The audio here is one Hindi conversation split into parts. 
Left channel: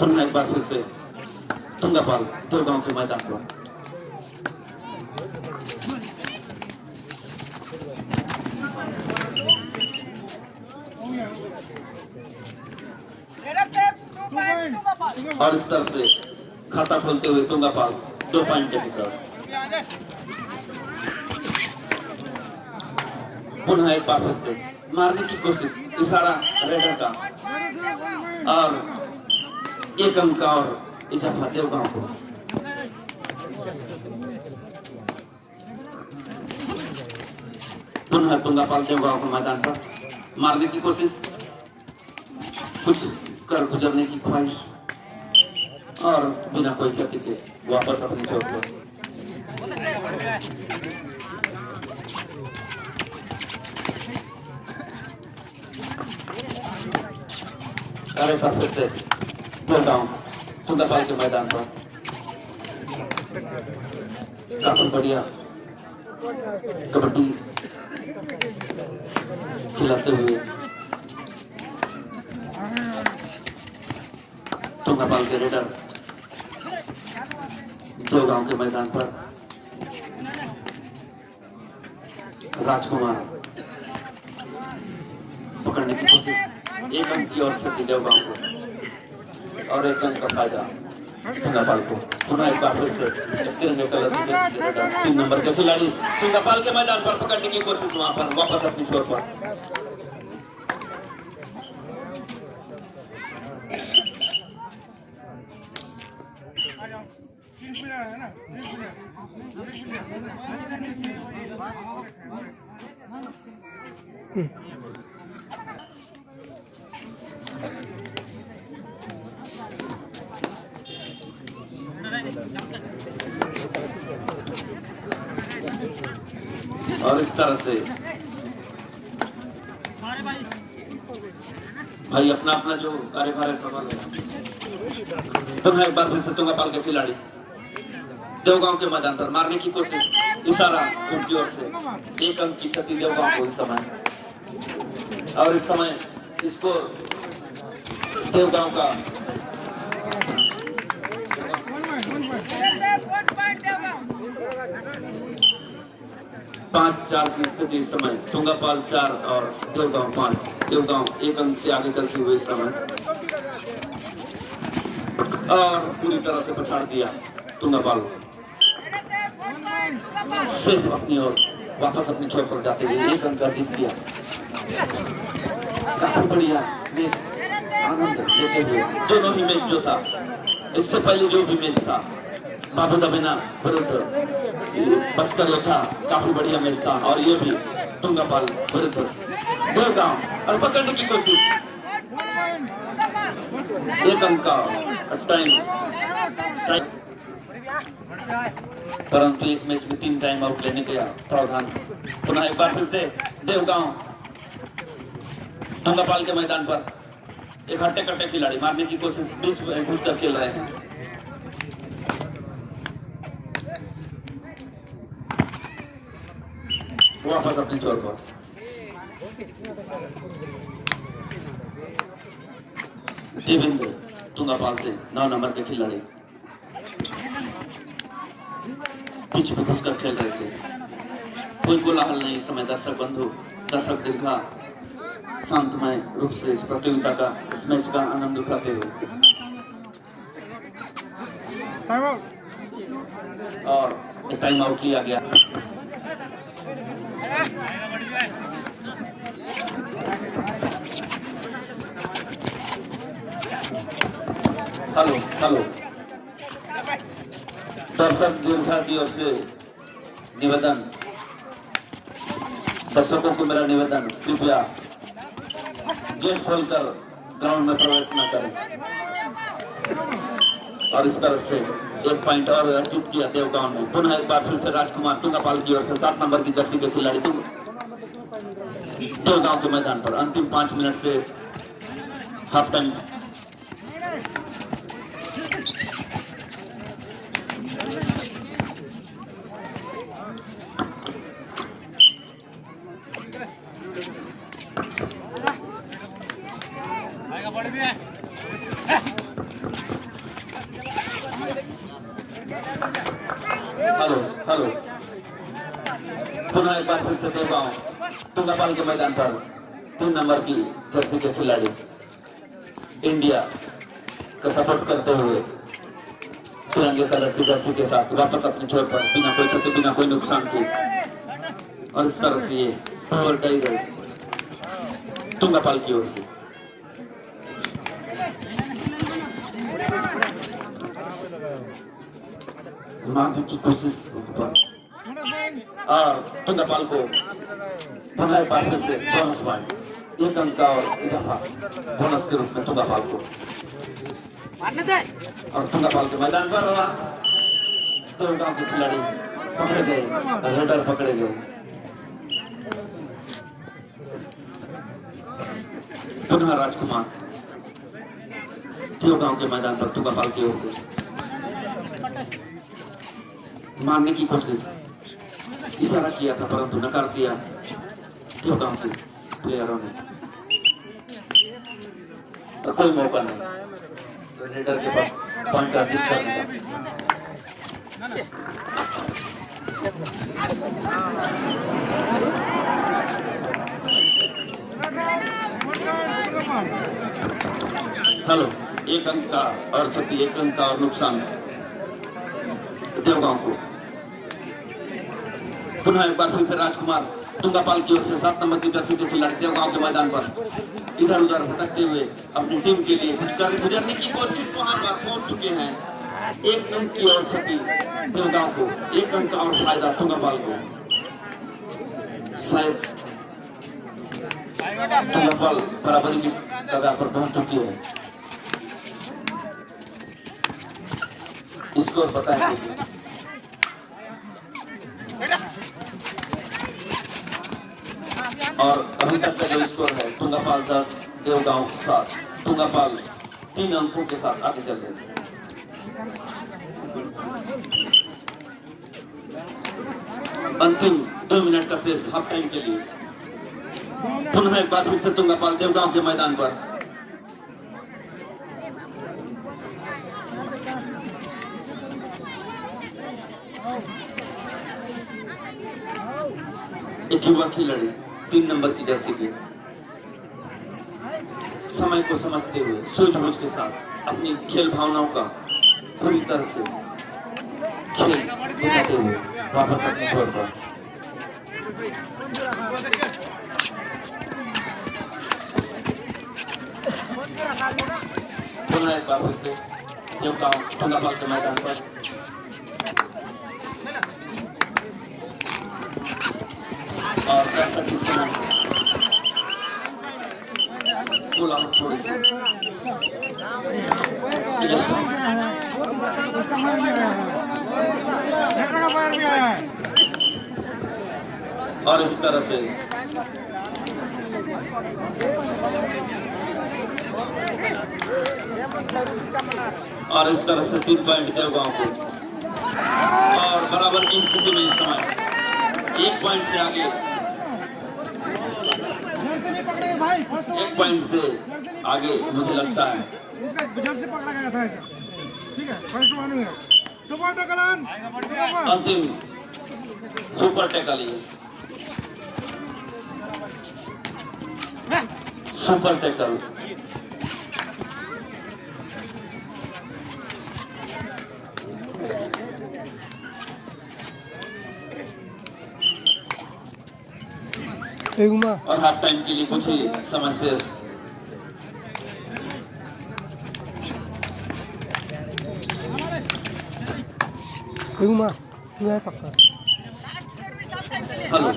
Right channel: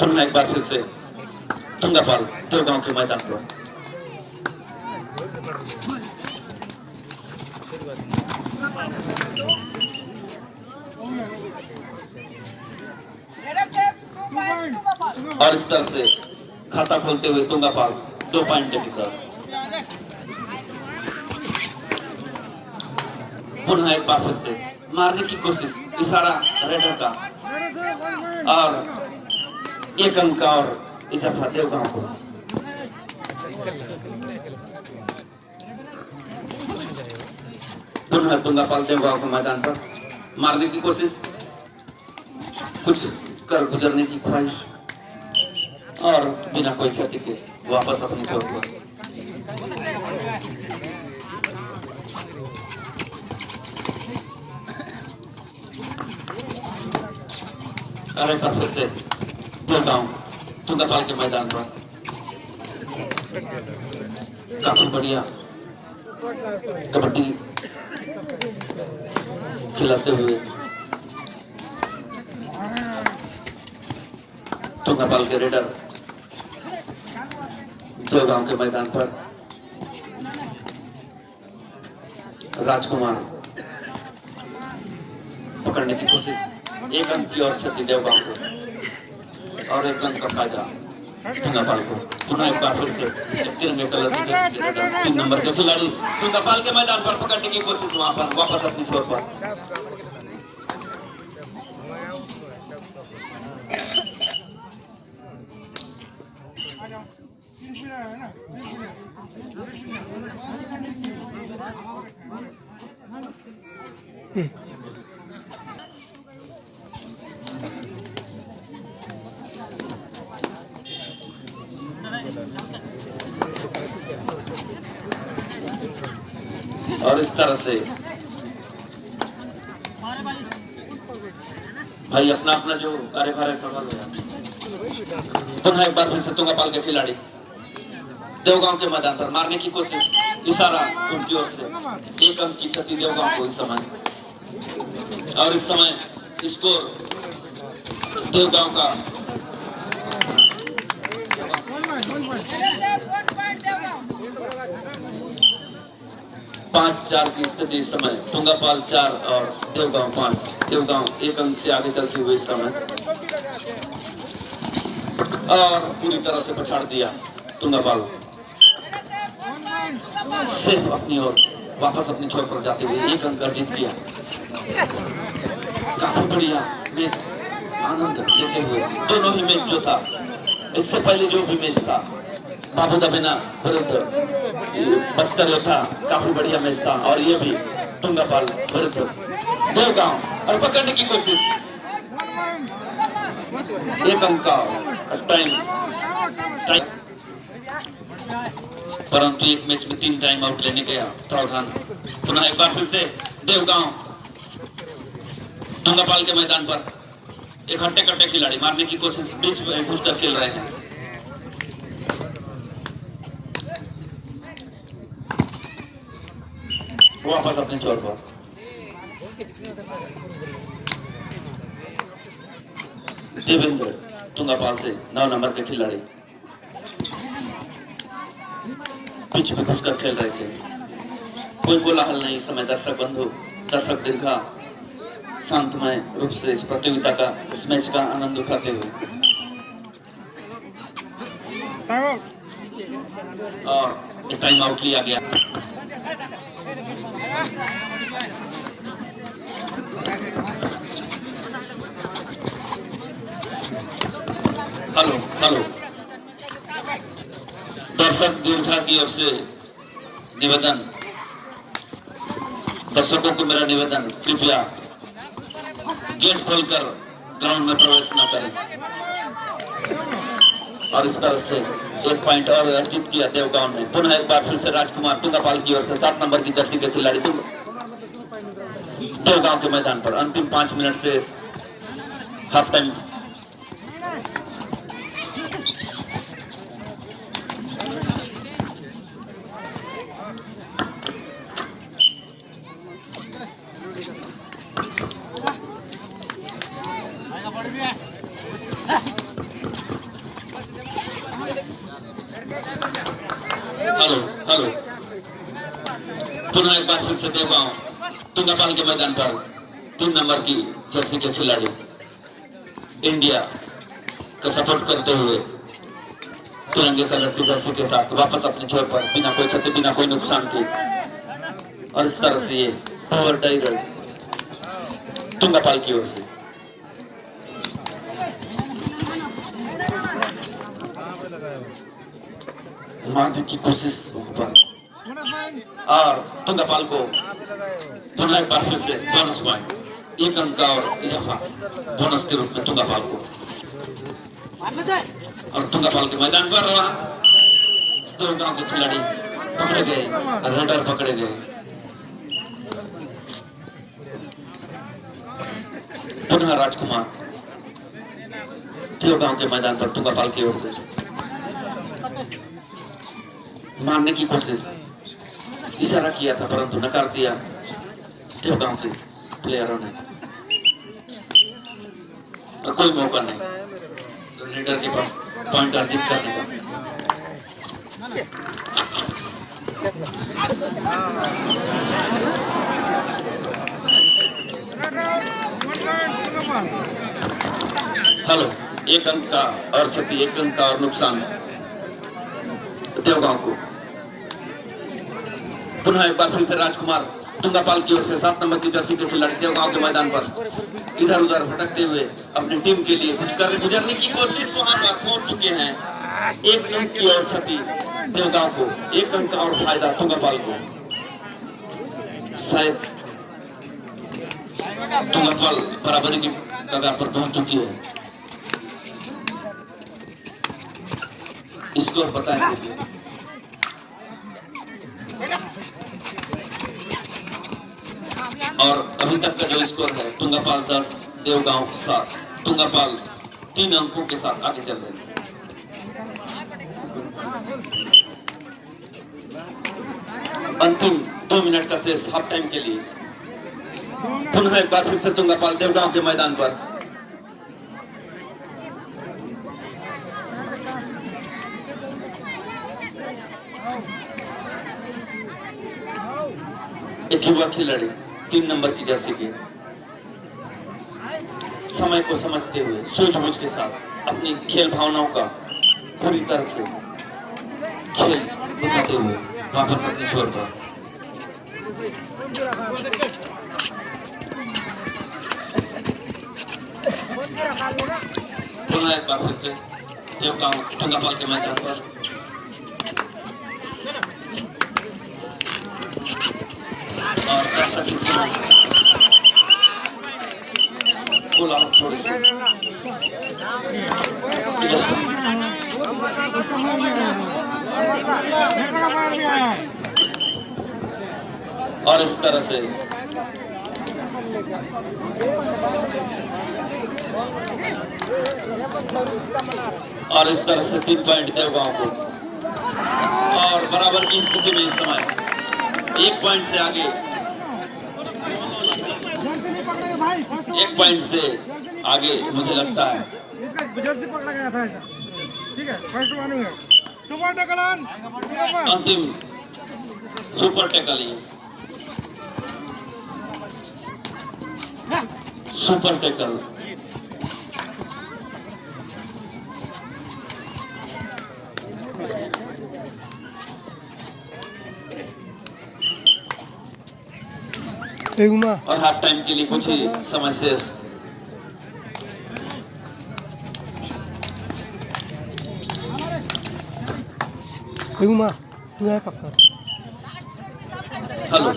पुनः एक बार फिर से तुंगापाल देवगांव के मैदान पर और इस तरह से खाता खोलते हुए तुंगापाल 2 पॉइंट के साथ पुनः एक बार फिर से मारने की कोशिश, इशारा रेडर का और एक अंक और इजाफा देवगांव को। पुनः तुंगापाल देवगांव के मैदान पर मारने की कोशिश, कुछ कर गुजरने की ख्वाहिश और बिना कोई क्षति के वापस अपनी कोर्ट पर। और एक बार फिर से देवगांव तुंगापाल के मैदान पर काफी बढ़िया कबड्डी खिलाते हुए तुंगापाल के रेडर देवगांव के मैदान पर राजकुमार पकड़ने की कोशिश, एक अंक की और क्षति देवगांव को और एक अंक का फायदा तुंगापाल को। पुनः एक बार फिर से तिरंगे कलर की 3 नंबर के खिलाड़ी तुंगापाल के मैदान पर पकड़ने की कोशिश, वहां पर वापस अपनी छोर पर। और इस तरह से भाई अपना अपना जो कार्यभार पुनः एक बार फिर से तुंगापाल के खिलाड़ी देवगांव के मैदान पर मारने की कोशिश, इशारा उनकी ओर से, एक अंक की क्षति देवगांव को इस समय। और इस समय इसको देवगांव का 5-4 की स्थिति इस समय, तुंगापाल 4 और देवगांव 5। देवगांव 1 अंक से आगे चलते हुए इस समय और पूरी तरह से पछाड़ दिया तुंगापाल, सिर्फ अपनी ओर वापस अपने छोर पर जाते हुए 1 अंक अर्जित किया। काफी बढ़िया मैच आनंद लेते हुए दोनों ही मैच जो था, इससे पहले जो भी मैच था बाबू दबेना विरुद्ध बस्तर था, काफी बढ़िया मैच था। और ये भी तुंगापाल विरुद्ध देवगांव और पकड़ने की कोशिश, 1 अंक का टाइम, परंतु एक मैच में 3 टाइम आउट लेने का प्रावधान। पुनः एक बार फिर से देवगांव तुंगापाल के मैदान पर एक हट्टे कट्टे खिलाड़ी मारने की कोशिश, बीच में घुसकर खेल रहे हैं। वापस अपने छोर पर देवेंद्र तुंगापाल से 9 नंबर के खिलाड़ी पिच में घुसकर खेल रहे थे। कोई कोलाहल नहीं इस समय, दर्शक बंधु, दर्शक दीर्घा शांतमय रूप से इस प्रतियोगिता का, इस मैच का आनंद उठाते हुए। और टाइम आउट लिया गया। हेलो हेलो, दर्शक दीर्घा की ओर से निवेदन, दर्शकों को मेरा निवेदन, कृपया गेट खोलकर ग्राउंड में प्रवेश न करें। और इस तरह से 1 पॉइंट और अर्जित किया देवगांव ने। पुनः एक बार फिर से राजकुमार तुंगापाल की ओर से 7 नंबर की जर्सी के खिलाड़ी देवगांव के मैदान पर अंतिम 5 मिनट से हाफ टाइम। हेलो हेलो, पुनः एक बार फिर से देवगांव तुंगापाल के मैदान पर 3 नंबर की जर्सी के खिलाड़ी इंडिया को सपोर्ट करते हुए तिरंगे कलर की जर्सी के साथ वापस अपने छोर पर बिना कोई क्षति बिना कोई नुकसान की, और इस तरह से ये ओवर टाइगर तुंगापाल की ओर से मारने की कोशिश पर, और तुंगापाल को पुनः एक बार फिर से बोनस पॉइंट, 1 अंक का और इजाफा बोनस के रूप में तुंगापाल को। और तुंगापाल के मैदान पर देवगांव के खिलाड़ी पकड़े गए, रेडर पकड़े गए। पुनः राजकुमार देवगांव के मैदान पर तुंगापाल की ओर से मारने की कोशिश, इशारा किया था परंतु नकार दिया देवगांव के प्लेयरों ने, और कोई मौका नहीं रेडर के पास पॉइंट अर्जित करने का। हेलो, 1 अंक का और क्षति, 1 अंक का और नुकसान देवगांव को। पुनः एक बार फिर से राजकुमार तुंगापाल की ओर से 7 नंबर की जर्सी के खिलाड़ी देवगांव के मैदान पर इधर उधर भटकते हुए अपनी टीम के लिए गुजरने की कोशिश वहां पर पहुंच चुके हैं। 1 अंक की और क्षति देवगांव को, 1 अंक और फायदा तुंगापाल को। शायद तुंगापाल बराबरी की कगार पर पहुंच चुकी है। स्कोर पता है और अभी तक का जो स्कोर है तुंगापाल 10 देवगांव 7, तुंगापाल 3 अंकों के साथ आगे चल रहे हैं। अंतिम 2 मिनट का शेष हाफ टाइम के लिए। पुनः एक बार फिर से तुंगापाल देवगांव के मैदान पर एक युवा खिलाड़ी 3 नंबर की जर्सी के समय को समझते हुए सूझबूझ के साथ अपनी खेल भावनाओं का पूरी तरह से खेल दिखाते हुए वापस अपने छोर पर। पुनः एक बार फिर से देवगांव तुंगापाल के मैदान पर और दर्शक इस समय और इस तरह से और इस तरह से 3 पॉइंट देवगांव को, और बराबर की स्थिति में इस समय 1 पॉइंट से आगे, 1 पॉइंट से आगे मुझे लगता है। अंतिम सुपर टैकल, सुपर टैकल और हाफ टाइम के लिए कुछ ही समय शेष। हेलो,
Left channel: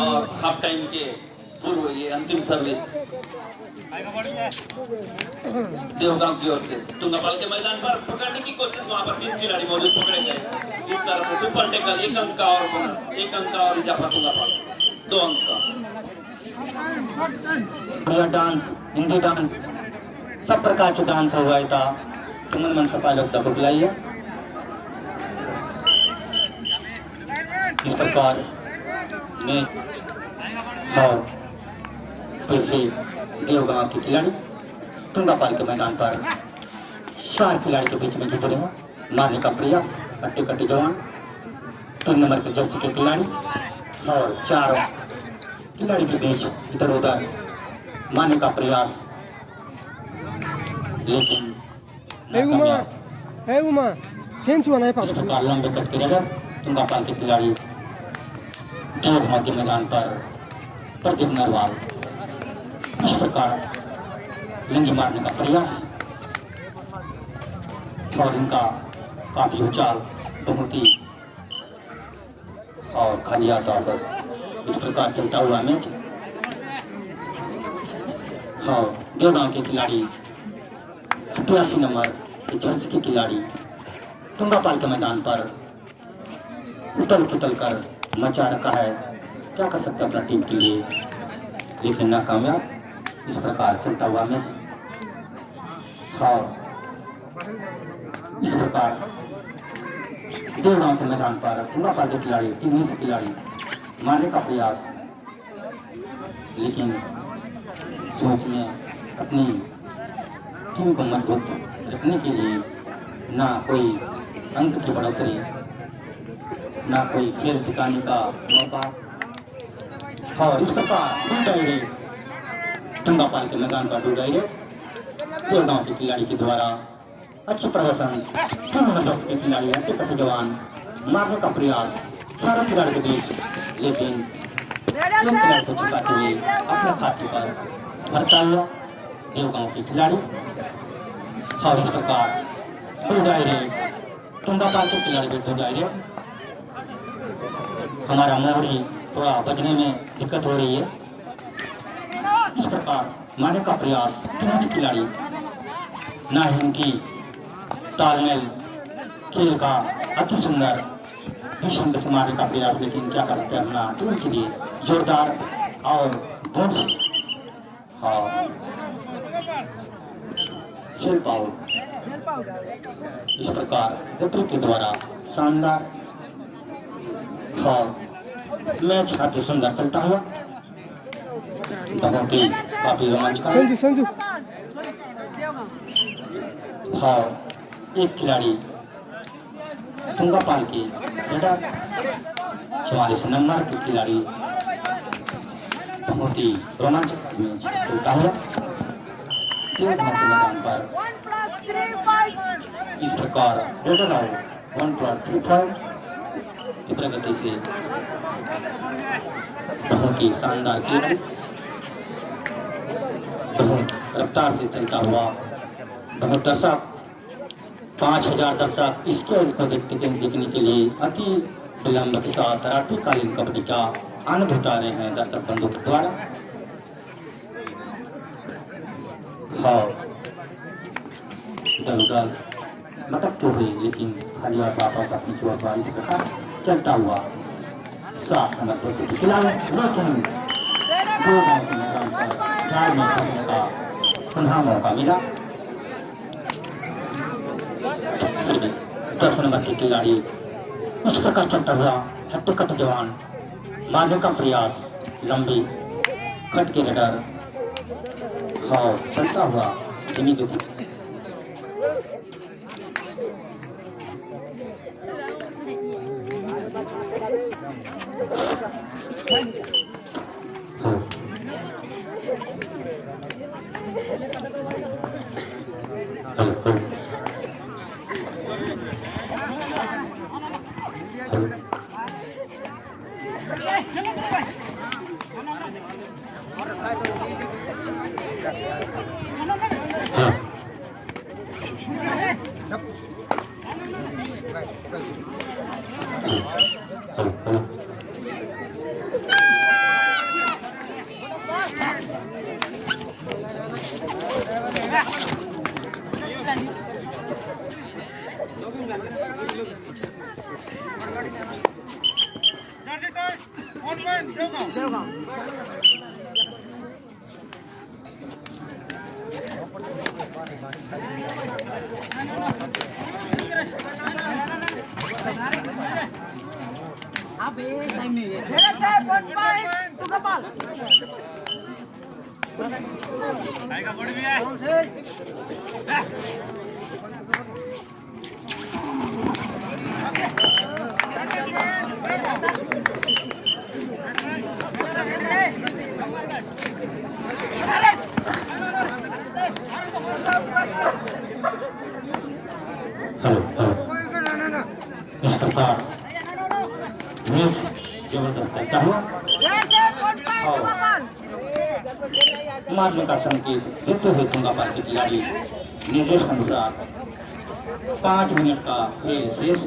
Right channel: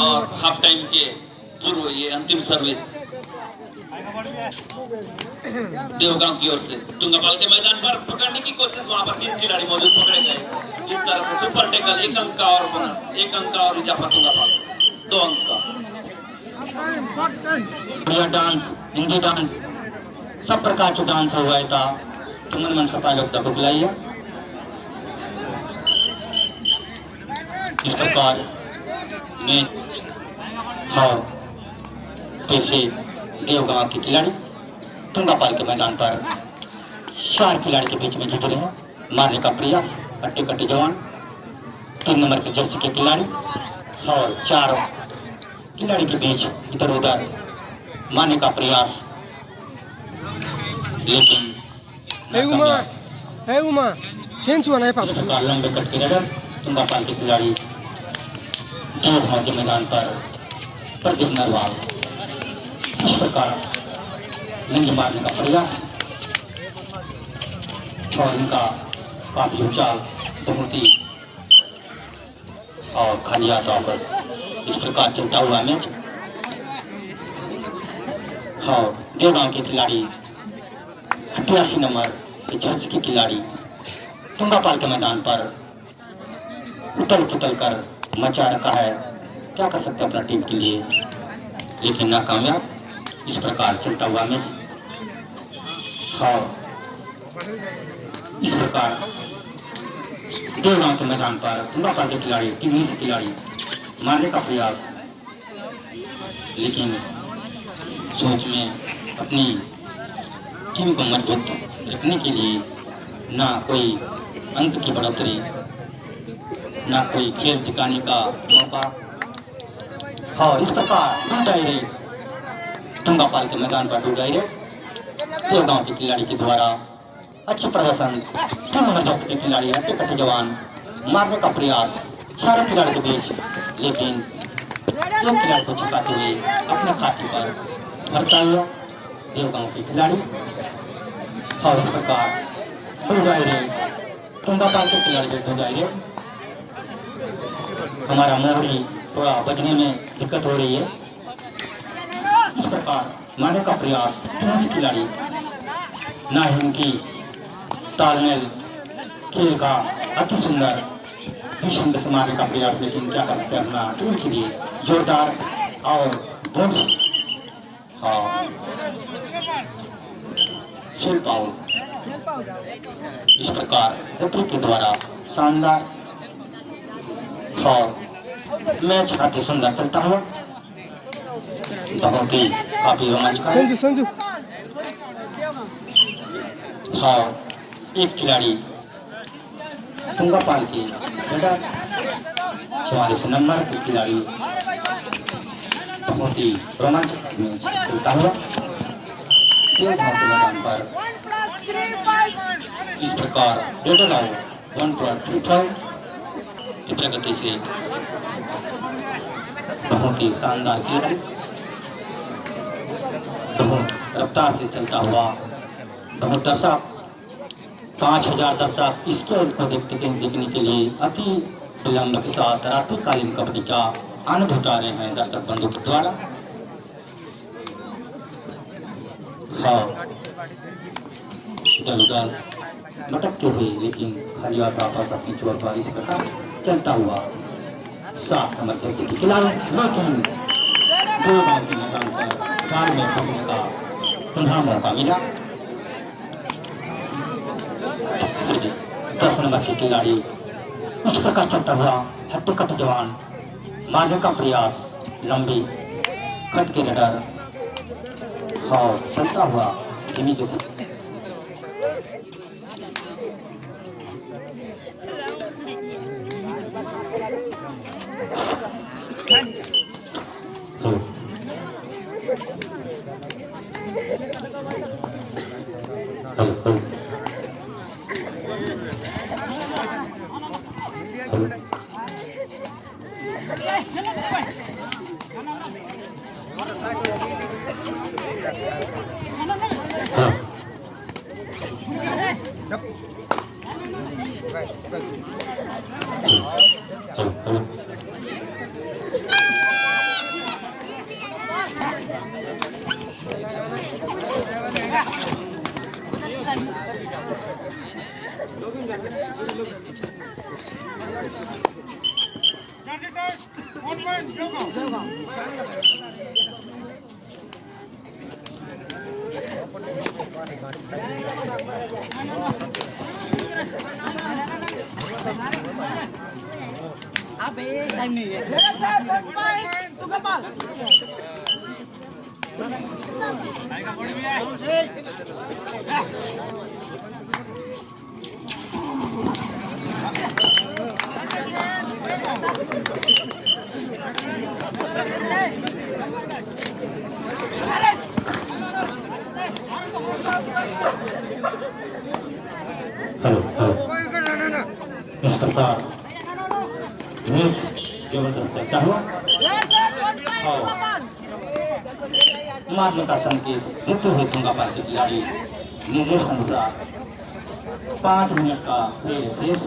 और हाफ टाइम के पूर्व ये अंतिम सर्विस देवगांव की ओर से तुंगापाल के मैदान पर पकड़ने की कोशिश, वहां पर 3 खिलाड़ी मौजूद पकड़े गए। इस तरह से सुपर टैकल, 1 अंक का और बोनस, 1 अंक का और इजाफा तुंगापाल 2 अंक का। डांस, हिंदी डांस, सब प्रकारचं डान्स हवा येता तुम्ही मनसा पालकता बुकलाइए। इस प्रकार में और फिर से देवगांव के खिलाड़ी तुंगापाल के मैदान पर 4 खिलाड़ी के बीच में जुट रहे हैं। मारने का प्रयास, कट्टे कट्टे जवान, 3 नंबर के जर्सी के खिलाड़ी और 4 खिलाड़ी के बीच इधर उधर मारने का प्रयास, लेकिन इस प्रकार लंबे कट के रडर तुंगापाल के खिलाड़ी 2 भाव के मैदान पर प्रदीप नरवाल इस प्रकार लिंगी मारने का प्रयास और इनका काफी उचाव बहुत ही और खाली हाथ वापस, इस प्रकार चलता हुआ मैच। हाँ, देवगांव के खिलाड़ी 88 नंबर के जर्सी के खिलाड़ी तुंगापाल के मैदान पर उतल पुतल कर मचा रखा है, क्या कर सकते अपना टीम के लिए, लेकिन नाकामयाब। इस प्रकार चलता हुआ मैच। हाँ, इस प्रकार देवगांव के मैदान पर तुंगापाल के खिलाड़ी 3 खिलाड़ी मारने का प्रयास, लेकिन सोच में अपनी टीम को मजबूत रखने के लिए ना कोई अंक की बढ़ोतरी, ना कोई खेल दिखाने का मौका। और इस प्रकार 2 डायरेक्ट तुंगापाल के मैदान पर 2 डायरेक्ट देवगांव के खिलाड़ी के द्वारा अच्छे प्रदर्शन, 3 नंबर जर्सी के खिलाड़ी हट्टे कट्टे जवान मारने का प्रयास सारे खिलाड़ी के बीच, लेकिन एक खिलाड़ी को छिपाते हुए अपने खाते पर भरता हुआ देवगांव के खिलाड़ी। और इस प्रकार 2 डायरेक्ट तुंगापाल के खिलाड़ी के 2 डायरेक्ट। हमारा मोहरी थोड़ा बचने में दिक्कत हो रही है। इस प्रकार मारने का प्रयास 3 खिलाड़ी, ना ही उनकी तालमेल खेल का अति सुंदर भीषण से मारने का प्रयास, लेकिन क्या कर सकते हैं अपना टीम के लिए जोरदार और बोनस खेल पाओ। इस प्रकार रेफरी के द्वारा शानदार और मैच काफी सुंदर चलता हुआ, बहुत ही काफी रोमांचकारी। हाँ, एक खिलाड़ी तुंगापाल की 44 नंबर के खिलाड़ी बहुत ही रोमांचक चलता हुआ मैदान पर इस प्रकार 1+35 की प्रगति से बहुत ही शानदार खिलाड़ी, बहुत रफ्तार से चलता हुआ, बहुत दर्शक 5000 दर्शक इस खेल को देखने के लिए अति विलंब के साथ रात्रिकालीन कबड्डी का आनंद उठा रहे हैं दर्शक बंधु के द्वारा। हाँ, इधर उधर लटकते हुए, लेकिन खाली हाथ वापस अपनी चोर पर इस प्रकार चलता हुआ 7 नंबर जर्सी के खिलाड़ी, लेकिन देवगांव के मैदान पर 4 में फंसने का पुनः मौका मिला। 10 नंबर के खिलाड़ी इस प्रकार चलता हुआ हट्टे कट्टे जवान मारने का प्रयास, लंबी कट के रडर और चलता हुआ धीमी गति। आएगा बॉडी भी है। हेलो हेलो इस प्रकार मैच जबरदस्त है। क्या हुआ? और मारने का संकेत देते हुए तुंगापार के खिलाड़ी निर्देश अनुसार 5 मिनट का खेल शेष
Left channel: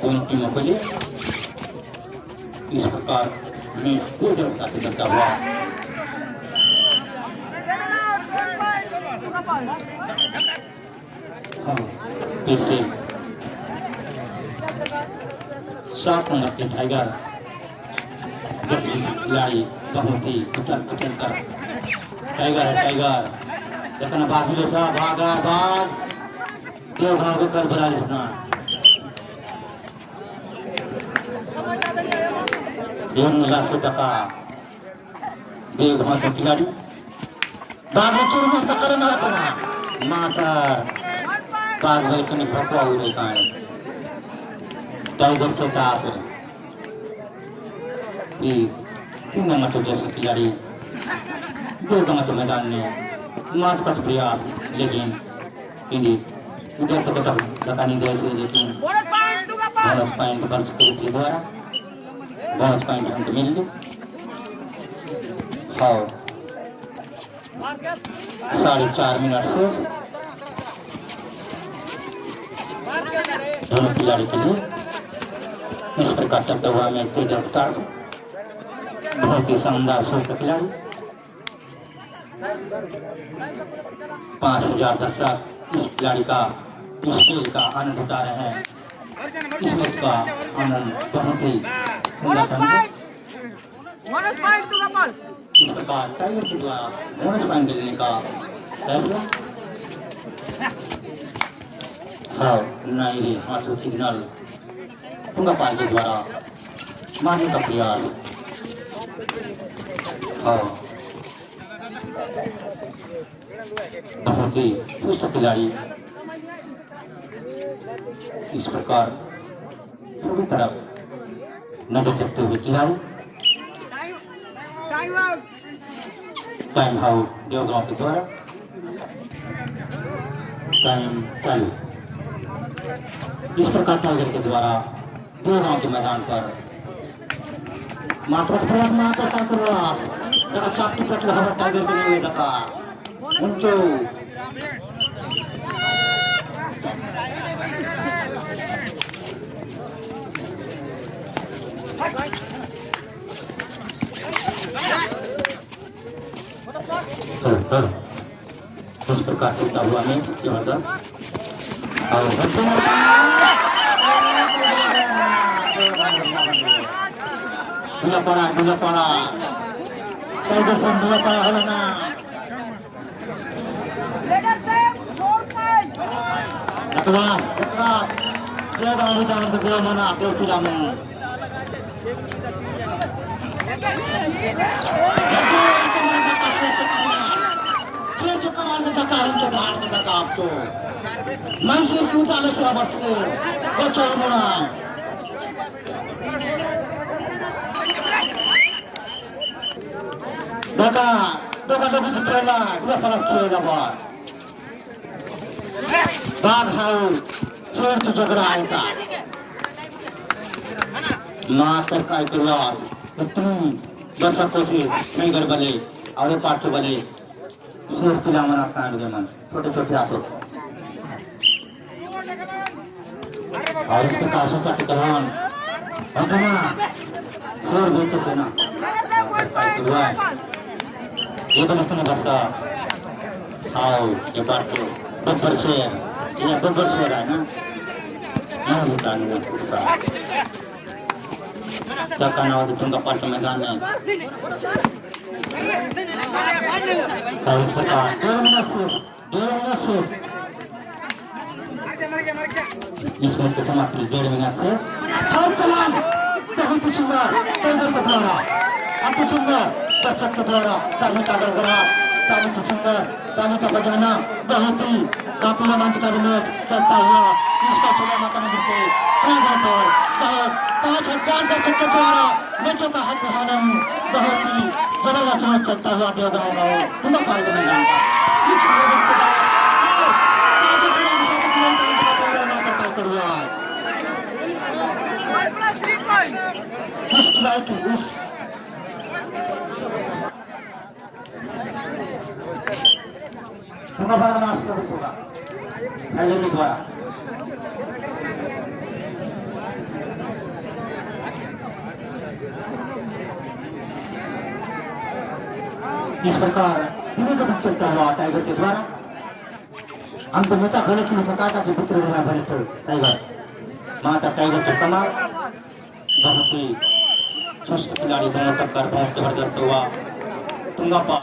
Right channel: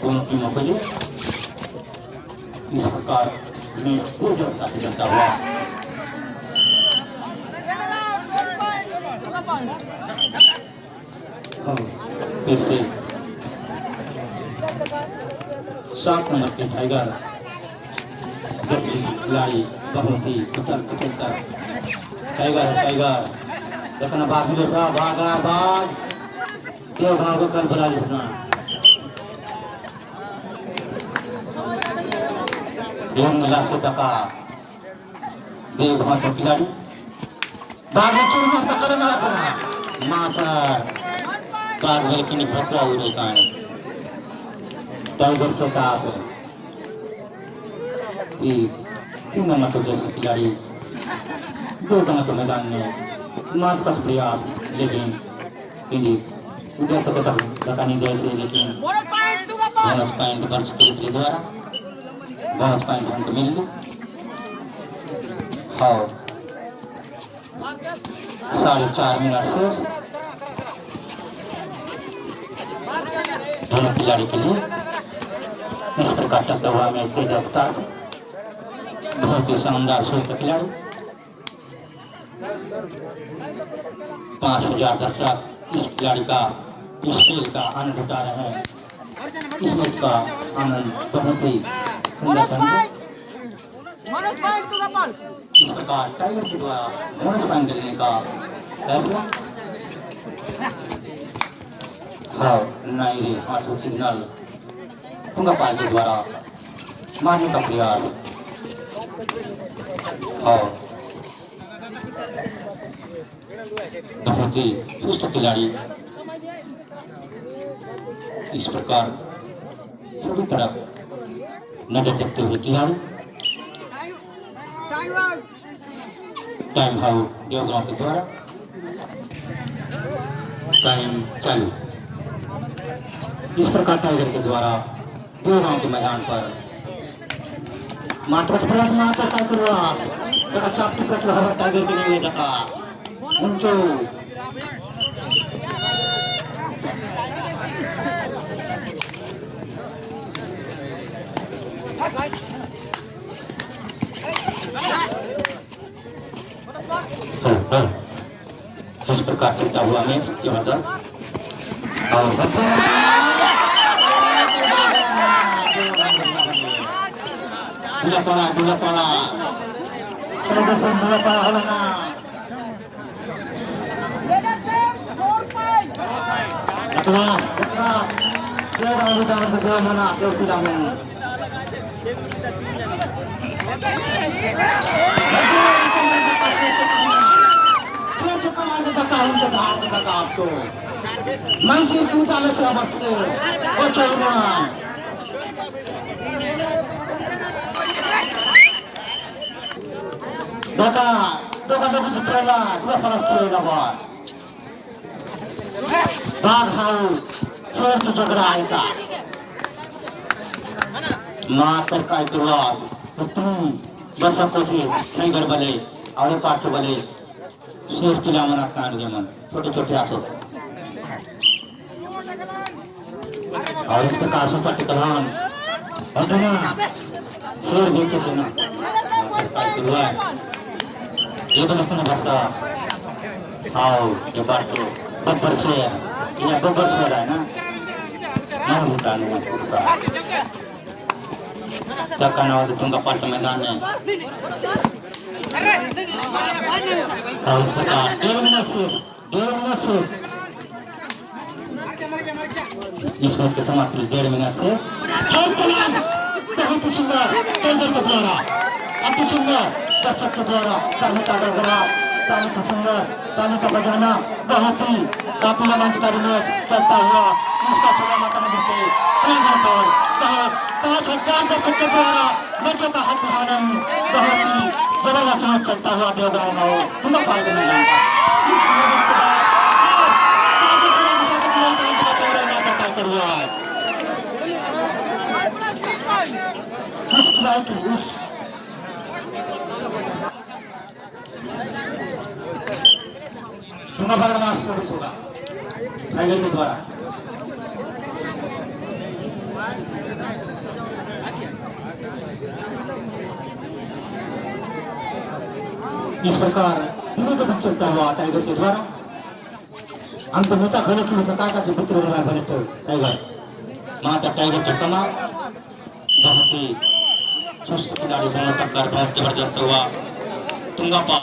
दोनों टीमों के लिए। इस प्रकार मैच पूरी जगता से चलता हुआ फिर से 7 नंबर के टाइगर खिलाड़ी बहुत ही कुचल कुचल कर टाइगर देखना बात में भागा भाग क्यों भागो कर बुरा लिखना से टका देव भाषा खिलाड़ी बागी चूरमा टक्कर मारता माता कार की भटवा उड़े का टाइगर से काफ तीन नंबर के जैसे खिलाड़ी 2 नंबर के मैदान में मार्च का प्रयास लेकिन उधर तक लगानी जैसे लेकिन बोनस पॉइंट बर्च के द्वारा बोनस पॉइंट हमको मिल गई। और 4.5 मिनट शेष दोनों खिलाड़ी के लिए। इस प्रकार चलता हुआ मैच तेज रफ्तार से बहुत ही शानदार श्रेष्ठ खिलाड़ी 5000 दर्शक इस खिलाड़ी का इस खेल का आनंद उठा रहे हैं। इस मैच का आनंद बहुत ही सुंदर ढंग से इस प्रकार टाइगर के द्वारा बोनस पॉइंट देने का फैसला है। नहीं सिग्नल तुंगापार के द्वारा मारने का प्रयास और बहुत ही सुस्त खिलाड़ी इस प्रकार सभी तरफ नजर रखते हुए खिलाड़ी टाइम आउट देवगांव के द्वारा टाइम चालू। इस प्रकार टाइगर के द्वारा देवगांव के मैदान पर मात्र प्रयास मात्र चापटी पत्र हवा टाइगर के लिए दफा उनके इस प्रकार चलता हुआ मैच जबरदस्त दुलापाड़ा टाइगर से दुलापाड़ा हलो ना mana dia sudah menang. Masih kita le sahabat sekali, bocor mana? Dapat setelah dua kali terlepas. Baghau search जगरा आएगा मास्टर का इतिहास इतनी दर्शकों से नहीं गड़बड़े और पार्ट बने शेर चिला मनाता है जमन छोटे छोटे आंसू और इस प्रकार से कलान अंजना शेर बेचे से ना ये तो नहीं बरसा आओ ये बात बब्बर शेर ये बब्बर शेर है ना नहीं होता नहीं होता Takkan awak ditunggu pada मैदान में इस प्रकार 2 मिनट इस मैच की समाप्ति 2 मिनट शेष और कलाम बहुत ही सुंदर टेंडर के द्वारा अति सुंदर दर्शक के द्वारा ताली का गड़गड़ा ताली की सुंदर ताली का बजाना बहुत ही काफी रोमांचकारी मैच चलता हुआ इसका चुनाव करने के लिए 5,000 दर्शक के द्वारा मैचों का हक हारन बहुत ही जबरदस्त मैच चलता हुआ देवगांव में तुम्हें फायदा नहीं तुंगापारा का लास्ट सर्विस होगा टाइगर के द्वारा। इस प्रकार धीमे कदम चलता हुआ टाइगर के द्वारा अंत मोठा गलत में काकाचे पुत्र बने टाइगर माता टाइगर के कमाल बहुत ही चुस्त खिलाड़ी दोनों टक्कर बहुत जबरदस्त हुआ। तुंगापारा